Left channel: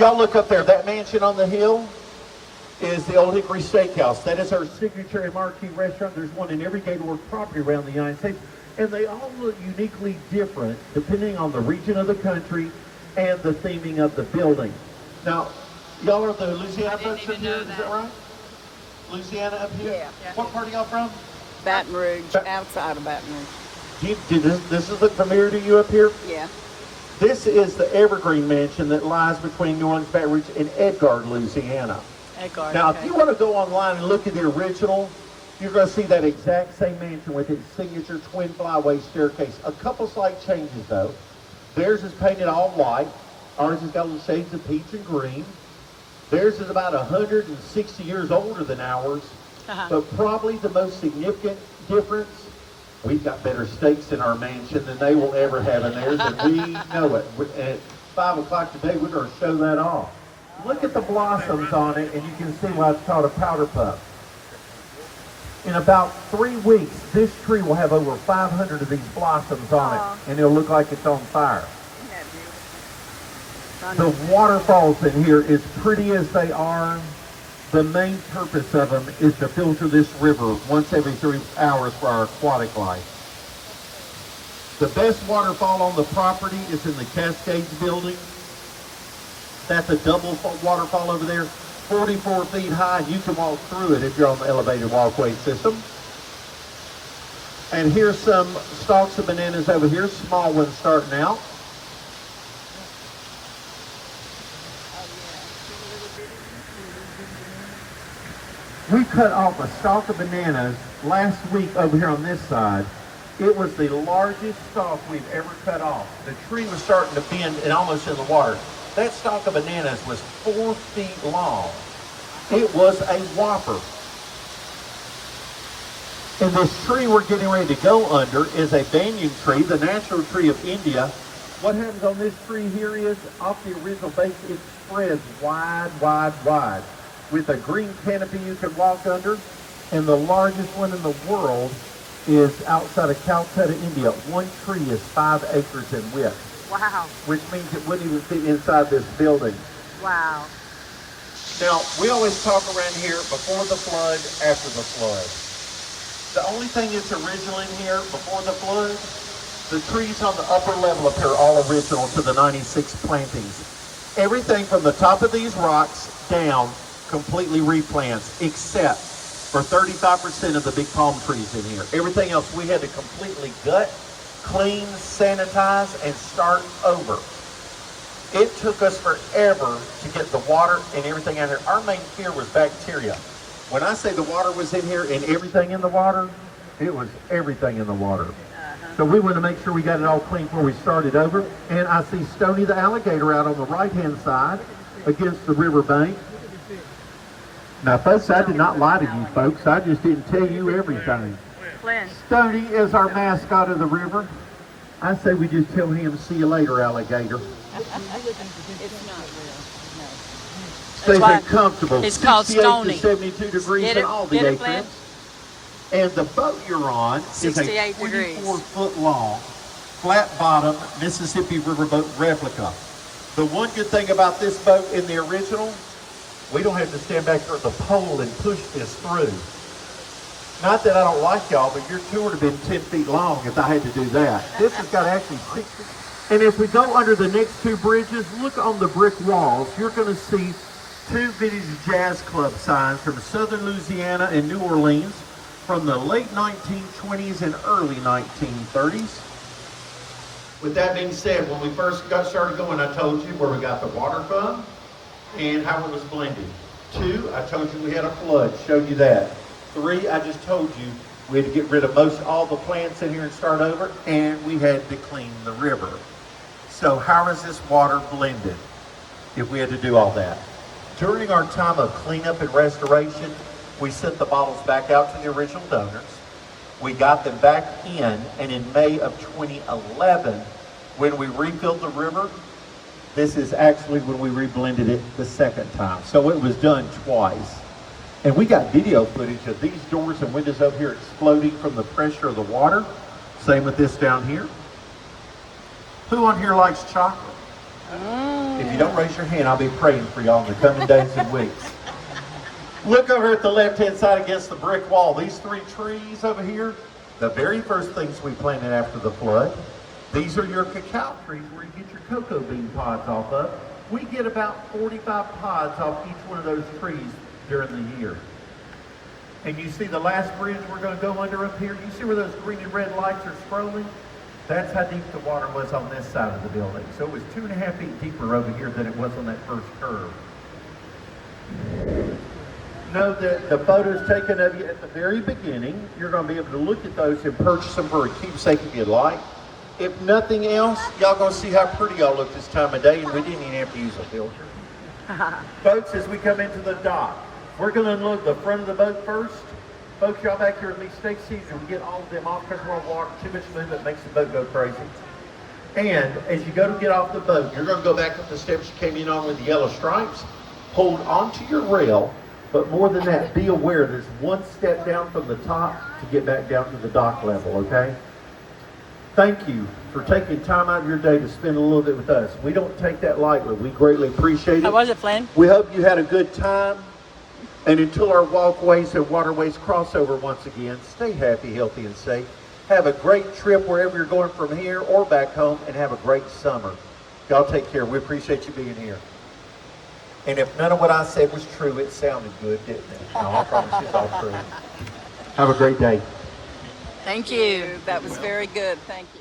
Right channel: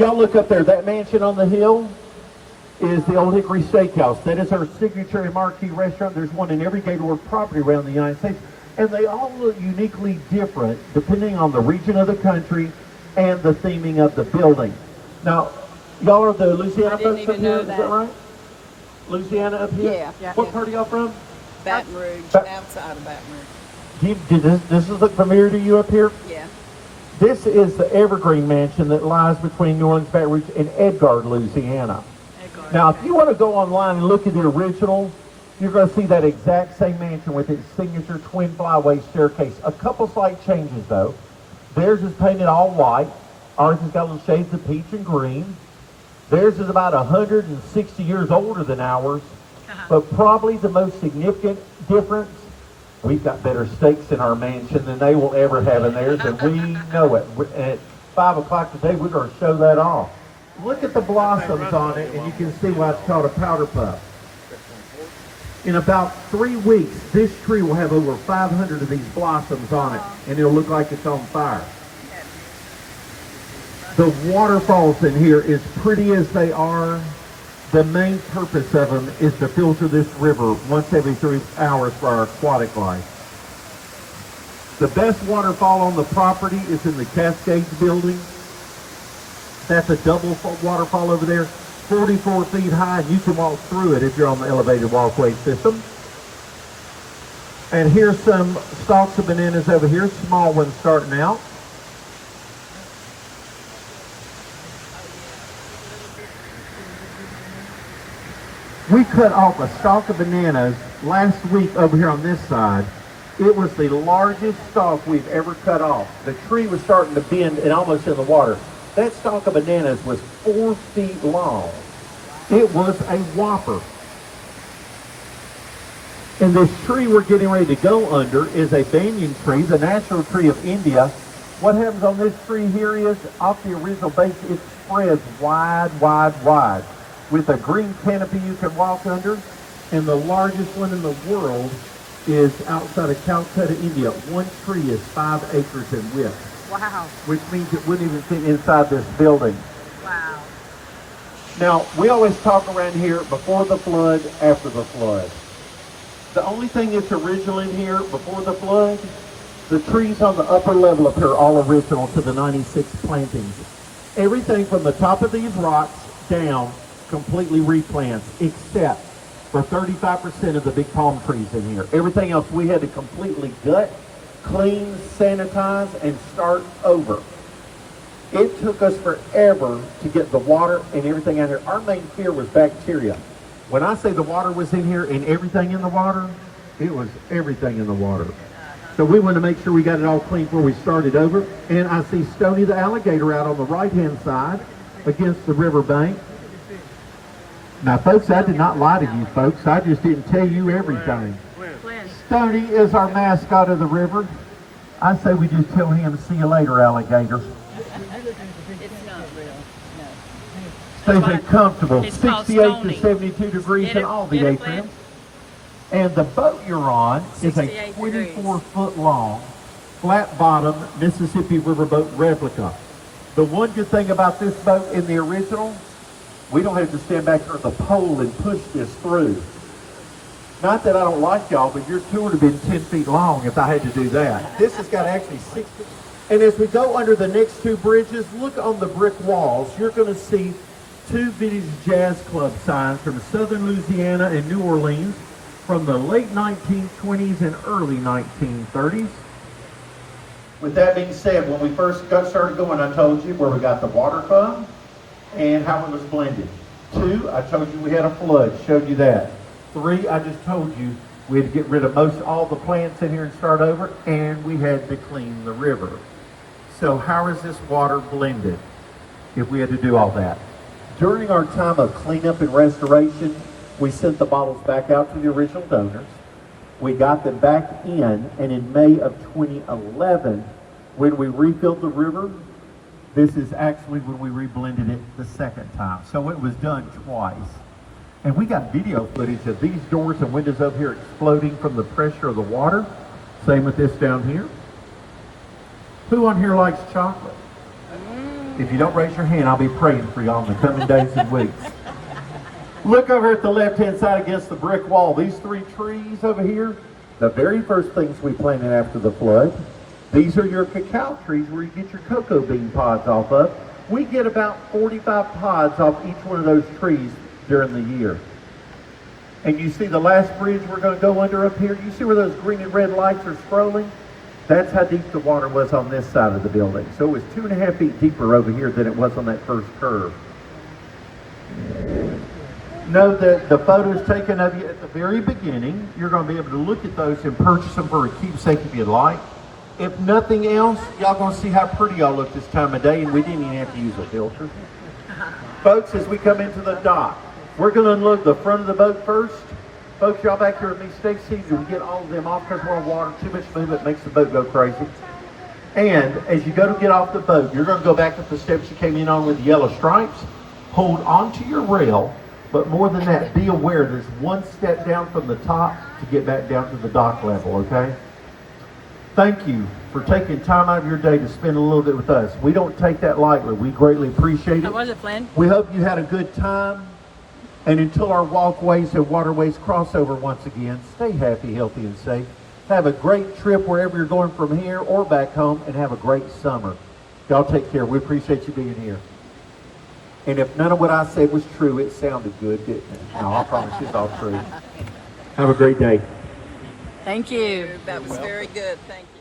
Y'all look up there. That mansion on the hill is the Old Hickory Steakhouse. That is our signature and marquee restaurant. There's one in every Gaylord property around the United States. And they all look uniquely different depending on the region of the country and the theming of the building. Now, y'all are the Louisiana folks up here, is that right? Louisiana up here? Yeah. What part are y'all from? Baton Rouge, outside of Baton Rouge. Did this look familiar to you up here? Yeah. This is the Evergreen Mansion that lies between New Orleans, Baton Rouge, and Edgard, Louisiana. Edgard, now, okay. if you want to go online and look at the original, you're going to see that exact same mansion with its signature twin flyway staircase. A couple slight changes, though. Theirs is painted all white. Ours has got little shades of peach and green. Theirs is about 160 years older than ours. But probably the most significant difference, we've got better steaks in our mansion than they will ever have in theirs, and we know it. At 5 o'clock today, we're going to show that off. Look at the blossoms on it, and you can see why it's called a powder puff. In about 3 weeks, this tree will have over 500 of these blossoms on it, and it'll look like it's on fire. The waterfalls in here, as pretty as they are, the main purpose of them is to filter this river once every 3 hours for our aquatic life. The best waterfall on the property is in the Cascades building. That's a double waterfall over there, 44 feet high, and you can walk through it if you're on the elevated walkway system. And here's some stalks of bananas over here, small ones starting out. We cut off a stalk of bananas last week over here on this side. It was the largest stalk we've ever cut off. The tree was starting to bend and almost in the water. That stalk of bananas was 4 feet long. It was a whopper. And this tree we're getting ready to go under is a banyan tree, the natural tree of India. What happens on this tree here is, off the original base, it spreads wide, wide, wide, with a green canopy you can walk under. And the largest one in the world is outside of Calcutta, India. One tree is 5 acres in width. Wow. Which means it wouldn't even fit inside this building. Wow. Now, we always talk around here before the flood, after the flood. The only thing that's original in here before the flood, the trees on the upper level up here are all original to the 96 plantings. Everything from the top of these rocks down completely replants, except for 35% of the big palm trees in here. Everything else we had to completely gut, clean, sanitize, and start over. It took us forever to get the water and everything out here. Our main fear was bacteria. When I say the water was in here and everything in the water, it was everything in the water. So we wanted to make sure we got it all clean before we started over. And I see Stoney the alligator out on the right-hand side against the river bank. Now, folks, I did not lie to you, folks. I just didn't tell you everything. Stoney is our mascot of the river. I say we just tell him, see you later, alligator. It's not real, no. Stays there comfortable, It's called 68 Stoney. to 72 degrees Get in it? all the Get it, atriums. And the boat you're on is a 68 degrees. 24-foot long, flat-bottom Mississippi riverboat replica. The one good thing about this boat in the original, we don't have to stand back here on the pole and push this through. Not that I don't like y'all, but your tour would have been 10 feet long if I had to do that. This has got actually 6 feet. And as we go under the next 2 bridges, look on the brick walls. You're going to see 2 vintage jazz club signs from southern Louisiana and New Orleans from the late 1920s and early 1930s. With that being said, when we first got started going, I told you where we got the water from and how it was blended. 2, I told you we had a flood, showed you that. 3, I just told you we had to get rid of all the plants in here and start over, and we had to clean the river. So how is this water blended if we had to do all that? During our time of cleanup and restoration, we sent the bottles back out to the original donors. We got them back in, and in May of 2011, when we refilled the river, this is actually when we reblended it the second time. So it was done twice. And we got video footage of these doors and windows over here exploding from the pressure of the water. Same with this down here. Who on here likes chocolate? If you don't raise your hand, I'll be praying for y'all in the coming days and weeks. Look over at the left-hand side against the brick wall. These 3 trees over here, the very first things we planted after the flood. These are your cacao trees where you get your cocoa bean pods off of. We get about 45 pods off each one of those trees during the year. And you see the last bridge we're going to go under up here? You see where those green and red lights are scrolling? That's how deep the water was on this side of the building. So it was 2.5 feet deeper over here than it was on that first curve. Know that the photos taken of you at the very beginning, you're going to be able to look at those and purchase them for a keepsake if you'd like. If nothing else, y'all going to see how pretty y'all look this time of day, and we didn't even have to use a filter. Folks, as we come into the dock, we're going to unload the front of the boat first. Folks, y'all back here with me, stay seated. We get all of them off because we're on water. Too much movement makes the boat go crazy. And as you go to get off the boat, you're going to go back up the steps you came in on with the yellow stripes. Hold onto your rail. But more than that, be aware there's one step down from the top to get back down to the dock level, okay? Thank you for taking time out of your day to spend a little bit with us. We don't take that lightly. We greatly appreciate it. How was it, Flynn? We hope you had a good time. And until our walkways and waterways cross over once again, stay happy, healthy, and safe. Have a great trip wherever you're going from here or back home, and have a great summer. Y'all take care. We appreciate you being here. And if none of what I said was true, it sounded good, didn't it? No, I promise you it's all true. Have a great day. Thank you. That was very good. Thank you.